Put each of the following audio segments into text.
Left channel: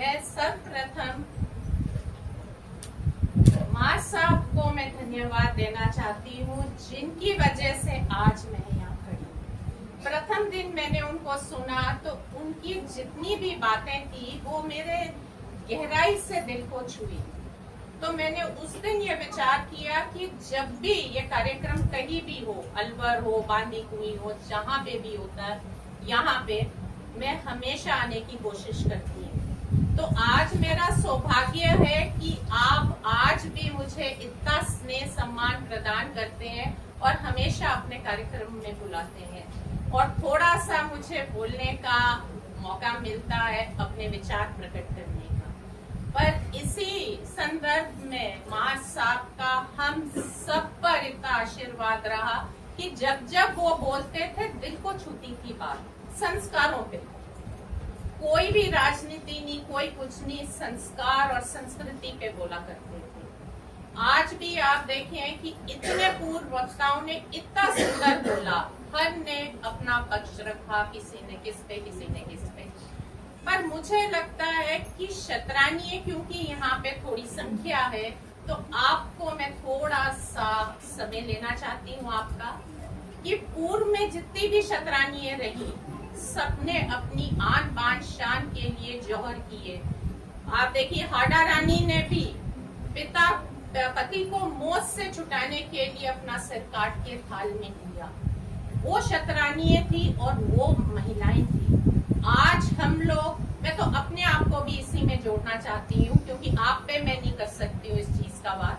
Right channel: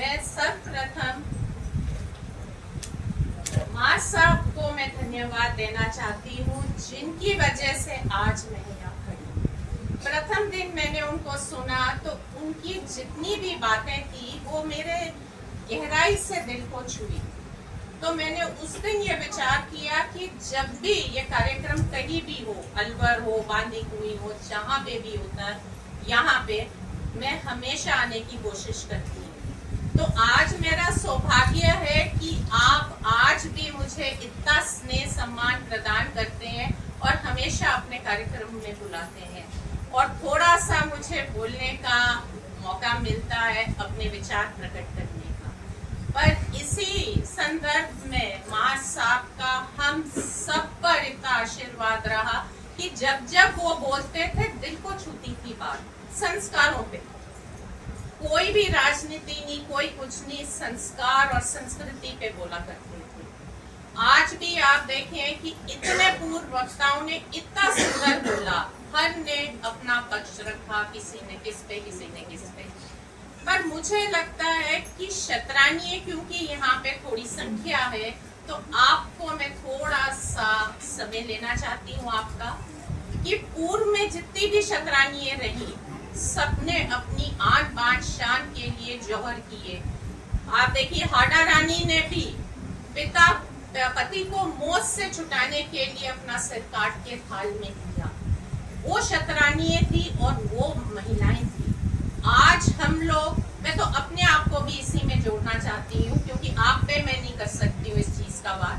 मैं सर्वप्रथम माँ साहब को मैं धन्यवाद देना चाहती हूँ, जिनकी वजह से आज मैं यहाँ खड़ी हूँ। प्रथम दिन मैंने उनको सुना तो उनकी जितनी भी बातें थी वो मेरे गहराई से दिल को छुई। तो मैंने उस दिन ये विचार किया कि जब भी ये कार्यक्रम कहीं भी हो, अलवर हो, बांदी कुई हो, जहाँ पे भी होता है, यहाँ पे मैं हमेशा आने की कोशिश करती हूँ। तो आज मेरा सौभाग्य है कि आप आज भी मुझे इतना स्नेह सम्मान प्रदान करते हैं और हमेशा अपने कार्यक्रम में बुलाते हैं और थोड़ा सा मुझे बोलने का मौका मिलता है, अपने विचार प्रकट करने का। पर इसी संदर्भ में माँ साहब का हम सब पर इतना आशीर्वाद रहा कि जब जब वो बोलते थे दिल को छूती थी बात, संस्कारों पे। कोई भी राजनीति नहीं, कोई कुछ नहीं, संस्कार और संस्कृति पे बोला करते थे। आज भी आप देखें कि इतने पूर्व वक्ताओं ने इतना सुंदर बोला, हर ने अपना पक्ष रखा, किसी ने किस पे, किसी ने किस पे। पर मुझे लगता है कि शतरानी, क्योंकि यहाँ पे थोड़ी संख्या है, तो आपको मैं थोड़ा सा समय लेना चाहती हूँ आपका, कि पूर्व में जितनी भी शतरानी रही, सबने अपनी आन बान शान के लिए जौहर किए। आप देखिए हाड़ा रानी ने भी पति को मौत से छुटाने के लिए अपना सिर काट के थाल में दिया। वो शतरानी थी और वो महिलाएं थी। आज हम लोग, मैं तो अपने आप को भी इसी में जोड़ना चाहती हूँ, क्योंकि आप पे मैं नहीं कर सकती हूँ इस चीज का बात।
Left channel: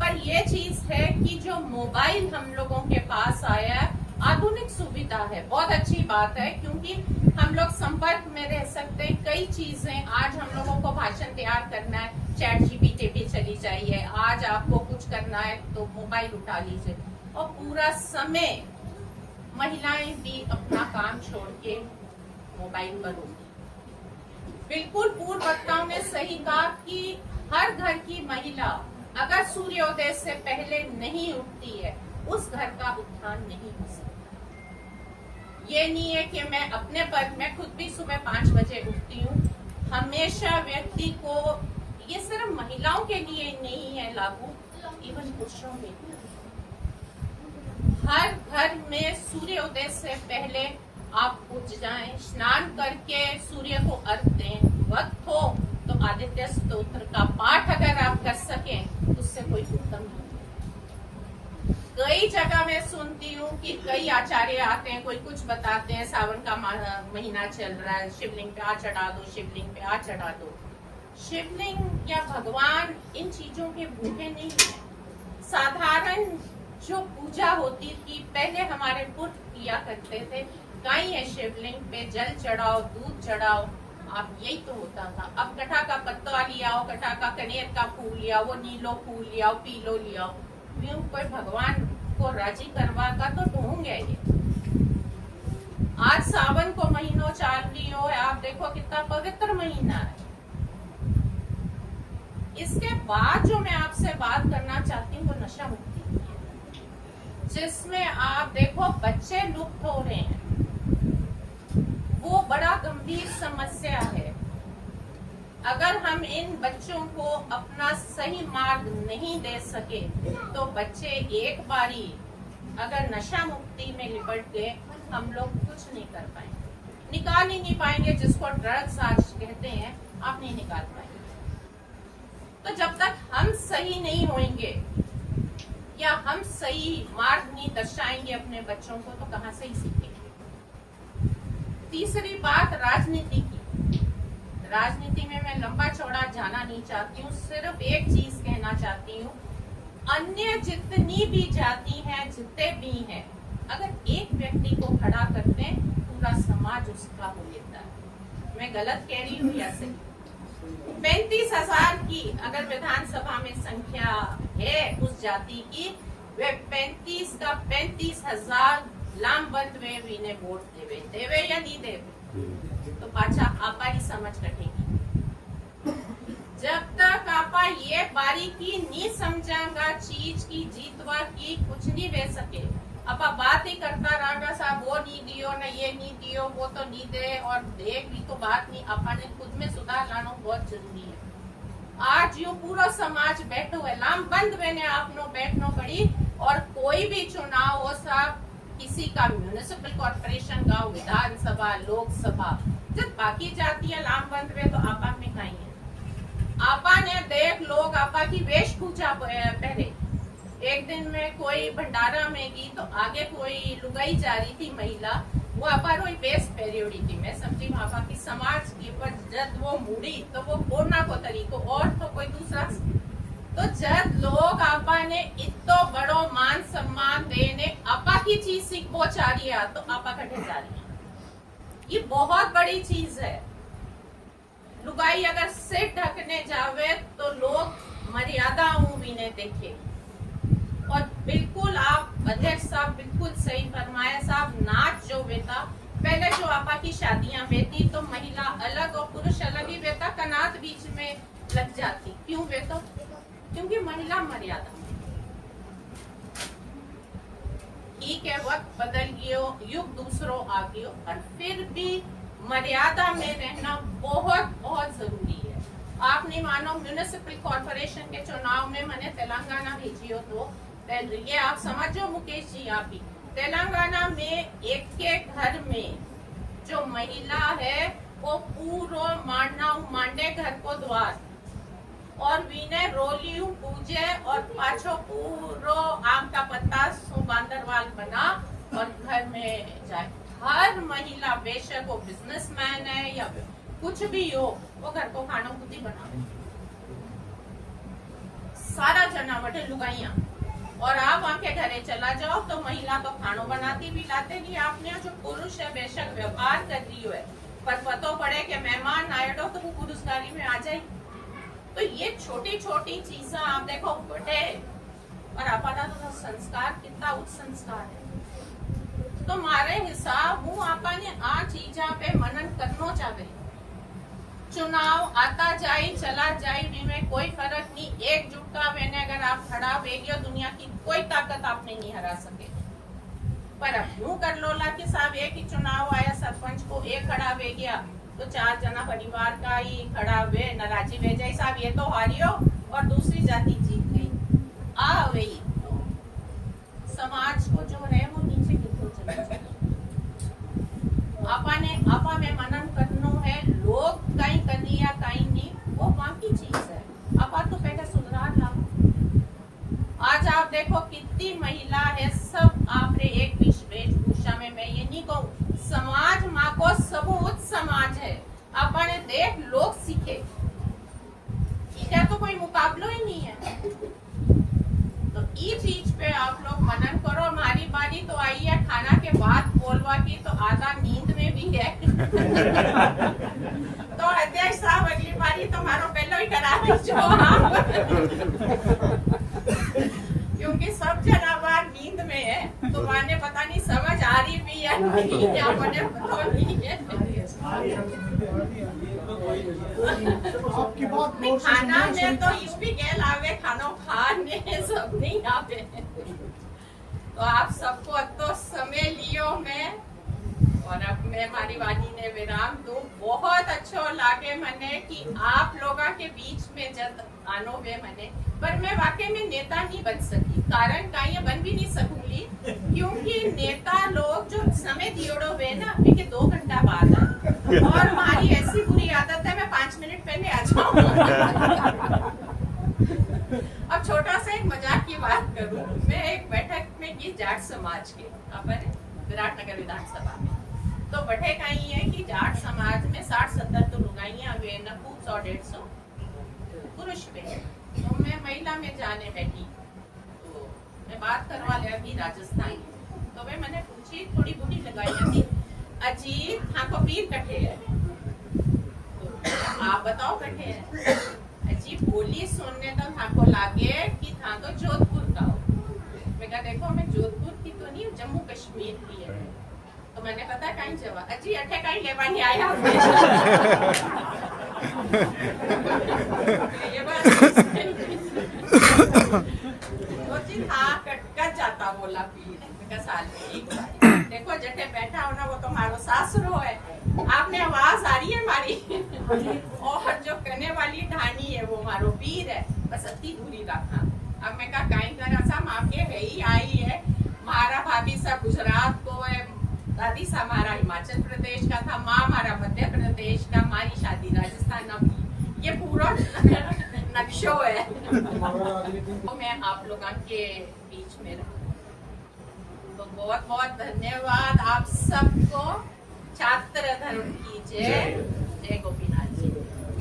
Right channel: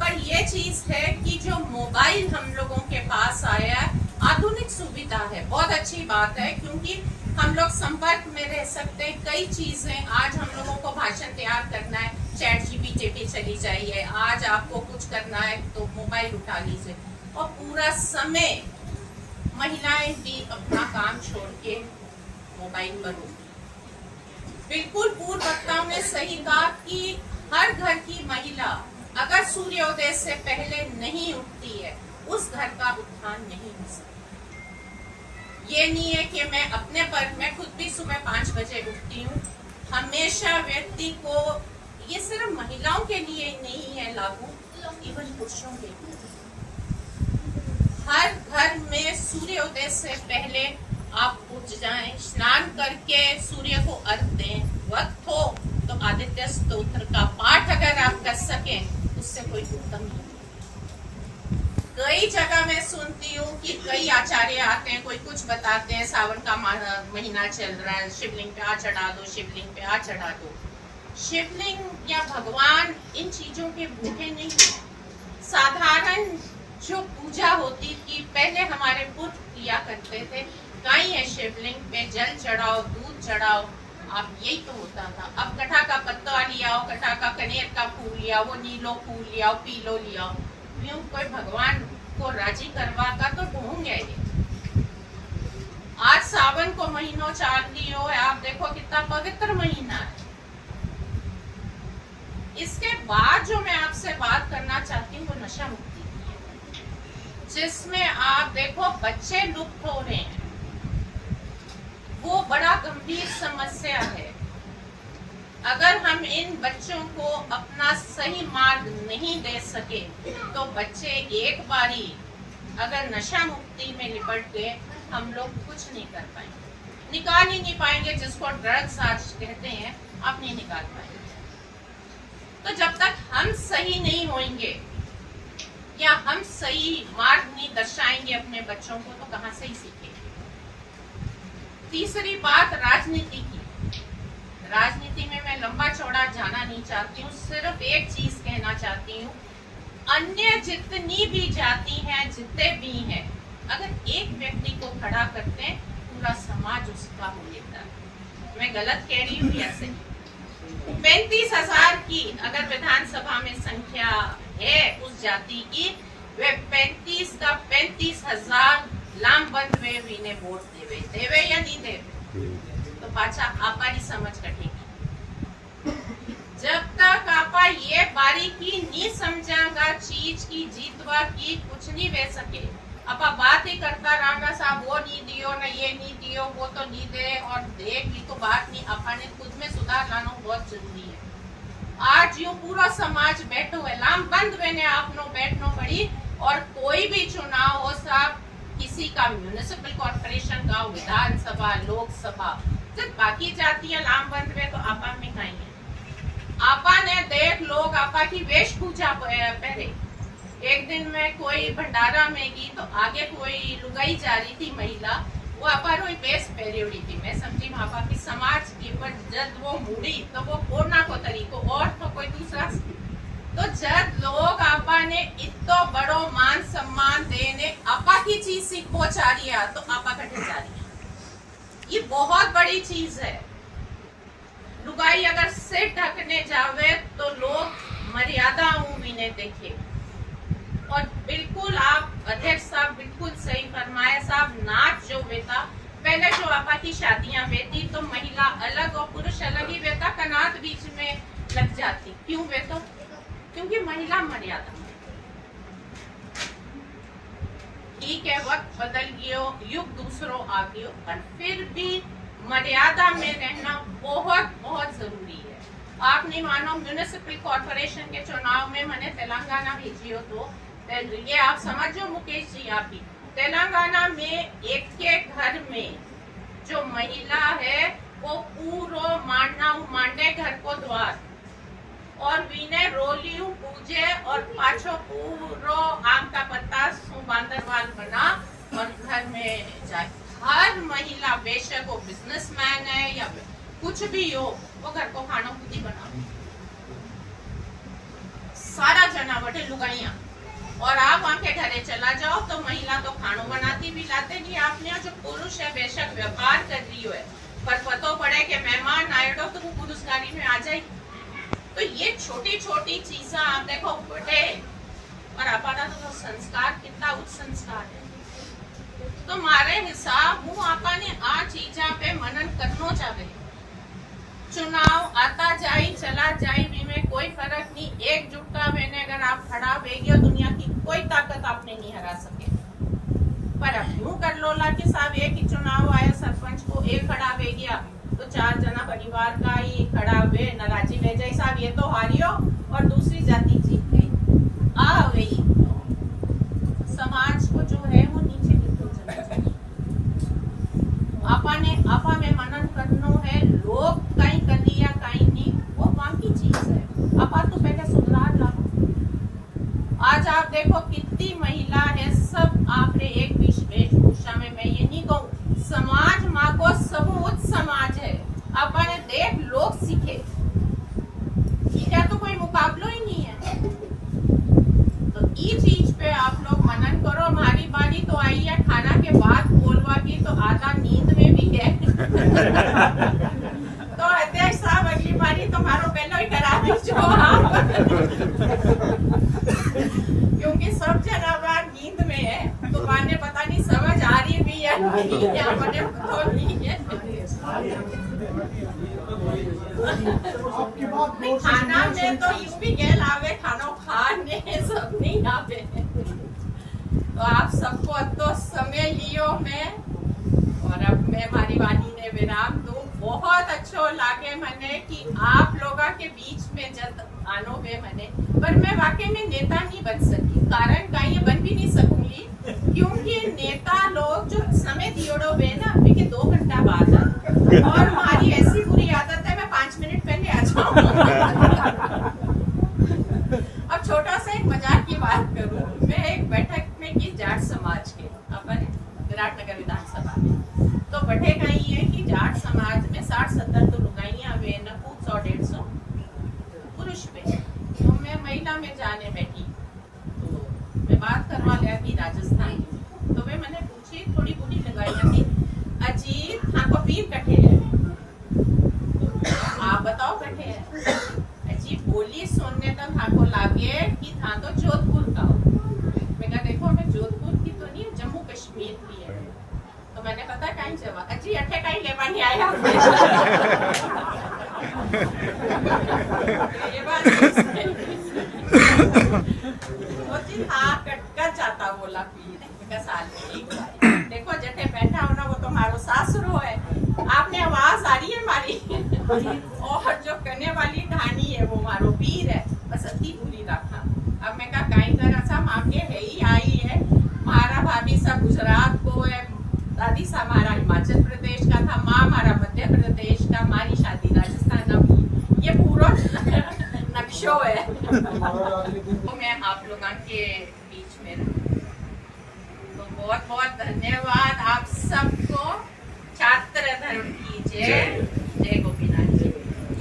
पर ये चीज है कि जो मोबाइल हम लोगों के पास आया है, आधुनिक सुविधा है, बहुत अच्छी बात है, क्योंकि हम लोग संपर्क में रह सकते हैं। कई चीजें, आज हम लोगों को भाषण तैयार करना है, चैट जीपीटी पे चली जाइए, आज आपको कुछ करना है तो मोबाइल उठा लीजिए, और पूरा समय महिलाएं भी अपना काम छोड़ के मोबाइल पर होगी। बिल्कुल पूर्व वक्ताओं ने सही कहा कि हर घर की महिला अगर सूर्योदय से पहले नहीं उठती है, उस घर का उत्थान नहीं हो सकता। ये नहीं है कि मैं अपने पर, मैं खुद भी सुबह 5 बजे उठती हूँ। हमेशा व्यक्ति को, ये सिर्फ महिलाओं के लिए नहीं है लागू, इवन पुरुषों के लिए। हर घर में सूर्योदय से पहले आप उठ जाएं, स्नान करके सूर्य को अर्घ दें, वक्त हो तो आदित्य स्तोत्र का पाठ अगर आप कर सकें, उससे कोई उत्तम नहीं। कई जगह मैं सुनती हूँ कि कई आचार्य आते हैं, कोई कुछ बताते हैं, सावन का महीना चल रहा है, शिवलिंग पे आ चढ़ा दो, शिवलिंग पे आ चढ़ा दो। शिवलिंग या भगवान इन चीजों के भूखे नहीं। साधारण जो पूजा होती थी पहले हमारे पुरख किया करते थे, कहीं है शिवलिंग पे जल चढ़ाओ, दूध चढ़ाओ, आप यही तो होता था। अब कटा का पत्ता लियाओ, कटा का कनेर का फूल लियाओ, वो नीलो फूल लियाओ, पीलो लियाओ, यूं कोई भगवान को राजी करवा का तो ढूंढ गए। आज सावन को महीनों चाल लियो, आप देखो कितना पवित्र महीना है। इसके बाद जो मैं आपसे बात करना चाहती हूँ वो नशा मुक्ति की है, जिसमें आप देखो बच्चे लुप्त हो रहे हैं। वो बड़ा गंभीर समस्या है। अगर हम इन बच्चों को अपना सही मार्ग नहीं दे सके तो बच्चे एक बारी अगर नशा मुक्ति में लिपट गए, हम लोग कुछ नहीं कर पाएंगे, निकाल ही नहीं पाएंगे। जिसको ड्रग्स आज कहते हैं, आप नहीं निकाल पाएंगे। तो जब तक हम सही नहीं होंगे या हम सही मार्ग नहीं दर्शाएंगे अपने बच्चों को, तो कहां से ही सीखेंगे। तीसरी बात राजनीति की। राजनीति में मैं लंबा चौड़ा जाना नहीं चाहती हूँ, सिर्फ एक चीज कहना चाहती हूँ, अन्य जितनी भी जाति हैं, जितने भी हैं, अगर एक व्यक्ति को खड़ा करते हैं, पूरा समाज उसका हो लेता है। मैं गलत कह रही हूँ या सही? 35,000 की अगर विधानसभा में संख्या है उस जाति की, वे 35 का 35,000 लामबंद वे विने वोट देवे या नहीं देवे, तो पाछा आपा ही समझ कटेगी। जब तक आपा ये बारीकी नहीं समझांगा चीज की जीतवा की, कुछ नहीं वे सके। अब आप बात ही करता रहा साहब, वो नहीं दियो ना, ये नहीं दियो, वो तो नहीं दे, और दे की तो बात नहीं, अपने खुद में सुधार लाना बहुत जरूरी है। आज यो पूरा समाज बैठो है, लाम बंद मैंने आपनो बैठनो पड़ी, और कोई भी चुनाव हो साहब, किसी का म्युनिसिपल कॉर्पोरेशन का, विधानसभा, लोकसभा, जब बाकी जातियां लाम बंद में, तो आपा में कहीं है। आपा ने देख लोग आपा की वेशभूषा पहले, एक दिन में कोई भंडारा में गई तो आगे कोई लुगाई जा रही थी महिला, वो आपा रोई बेस पहरी थी। मैं समझी आपा की समाज की, पर जब वो मुड़ी तो वो कोना को तरीको और तो कोई दूसरा, तो जब लोग आपा ने इतो बड़ो मान सम्मान देने आपा की चीज सीख पहुंचा रिया, तो आपा कटे जा रही है। ये बहुत बड़ी चीज है। लुगाई अगर सिर ढकने जावे तो लोग मर्यादा भी नहीं देखे। और बिल्कुल आप अध्यक्ष साहब बिल्कुल सही फरमाया साहब, नाच जो बेटा पहले जो आपा की शादियां बेटी तो महिला अलग और पुरुष अलग ही बेटा, कनात बीच में लग जाती। क्यों बेटा? क्योंकि महिला मर्यादा। ठीक है, वक्त बदल गयो, युग दूसरों आ गयो, पर फिर भी मर्यादा में रहना बहुत बहुत जरूरी है। आप नहीं मानो, म्युनिसिपल कॉर्पोरेशन के चुनाव में मैंने तेलंगाना भेजियो, तो ये आप समझो मुकेश जी, आप भी तेलंगाना में एक के घर में जो महिला है वो पूरो मांडे घर को द्वार और वीने रोलियू पूजे और पाछो पूरो आम का पत्ता बांदरवाल बना और घर में जाए। हर महिला, बेशक वो बिजनेसमैन है या कुछ भी हो, वो घर को खाना खुद ही बना, सारा जना बटे लुगाइया। और आप वहाँ के घरे चला जाओ तो महिला तो खानों बनाती भी लाते नहीं। आपने जो पुरुष है बेशक व्यापार कर रही है, पर पतो पड़े कि मेहमान आएगा तो वो पुरुष गाड़ी में आ जाए। तो ये छोटी छोटी चीजें आप देखो बटे, और हमारा तो संस्कार कितना उच्च संस्कार है। तो मारे हिसाब हूँ आपा ने आ चीजा पे मनन करना चाहे। चुनाव आता जाए चला जाए, में कोई फर्क नहीं, एकजुटता में अगर आप खड़ा वेगी और दुनिया की कोई ताकत आपने नहीं हरा सके। पर अब यूं कर लो ला कि साहब एक ही चुनाव आया, सरपंच को एक खड़ा वे गया तो 4 जना परिवार का ही खड़ा हुए, नाराजी वे जाए साहब ये तो हारियो और दूसरी जाति जीत गई। आ गई तो समाज को जो है वो नीचे गिरते चला जाए। आपा में मनन करनो है, लोग कहीं कर दिया कहीं नहीं, वो बाकी चीज है। आपा तो पहले सुधार ला। आज आप देखो कितनी महिला है, सब आपने एक वेशभूषा में, मैं ये नहीं कहूँ, समाज माँ को सबूत समाज है। आपा ने देख लोग सीखे, ठीक है, तो कोई मुकाबलो ही नहीं है। तो ये चीज पे आप लोग मनन करो। हमारी बारी तो आई है खाना के बाद बोलवा की, तो आधा नींद में भी है। तो अध्यक्ष साहब अगली बारी तुम्हारो पहले ही करा दीजो आप। क्योंकि सब जना बार नींद में है, तो माने पता नहीं समझ आ रही भी है नहीं, या मुझे पता नहीं है। खाना में तो यूपी गेल आवे, खाना खाने सब नहीं आवे। तो आप सबको तो समय लियो मैं, और अब मैं हमारी वाणी ने विराम दूं। बहुत अच्छो लागे मने कि आप लोगों के बीच में जब आनो वे मने, पर मैं वाकई में नेता नहीं बन सकी। कारण का ये बन भी नहीं सकूंगी, क्योंकि नेता लोग जो समय दियोड़ो वे ना, वे के 2 घंटा बाद और हमारी ऐसी बुरी आदत है मैं 5 मिनट पहले आ जाऊं। अब छोटा सा एक मजाक की बात करूं, मैं एक बैठक में की जाट समाज के अपन विराटनगर विधानसभा में, तो बैठे कहीं है कि जाट समाज में 60-70 तो लुगाइयां वे न 100-150 पुरुष पे। तो मैं महिला में जाने बैठी, तो मैं बात करवा लिया कि राजस्थान, तो वे मैंने पूछी, थोड़ी बूढ़ी लगाइयां थी, अजीत हाँ को पीर कटे है, आप बताओ कटे है। अजीब बोली सुनने तक हाँ को लागे कि था तो जोधपुर का हो। मैं कहा देखो मैं जोधपुर की तो नहीं, जम्मू कश्मीर की है। तो मैंने पता कहीं जवाब, अजी अठे कहीं लेवा नहीं आया। ये बात सही वो जी हाँ कट जाता बोला पीर साल में एक बार। देखो जटे बैठा हो ना वो तो हमारो सासुरो है। आपने आवाज आ रही है हमारी और जो करने वाली ढानी है वो हमारो पीर है। बस अति दूरी रखा। अब मैं कहा कहीं तरह सा मांगे है ही आई है। हमारा भाभी सब गुजरात को है, दादी सा हमारा हिमाचल प्रदेश का था, माँ हमारा मध्य प्रदेश का, हमारी शादी राजस्थान की। ये पूरा नक्शो है। तो मैं आप लोगों के बीच में रहूं तो बहुत बहुत धन्यवाद आप सबको। छात्र धर्म की जय। जय गोपीनाथ।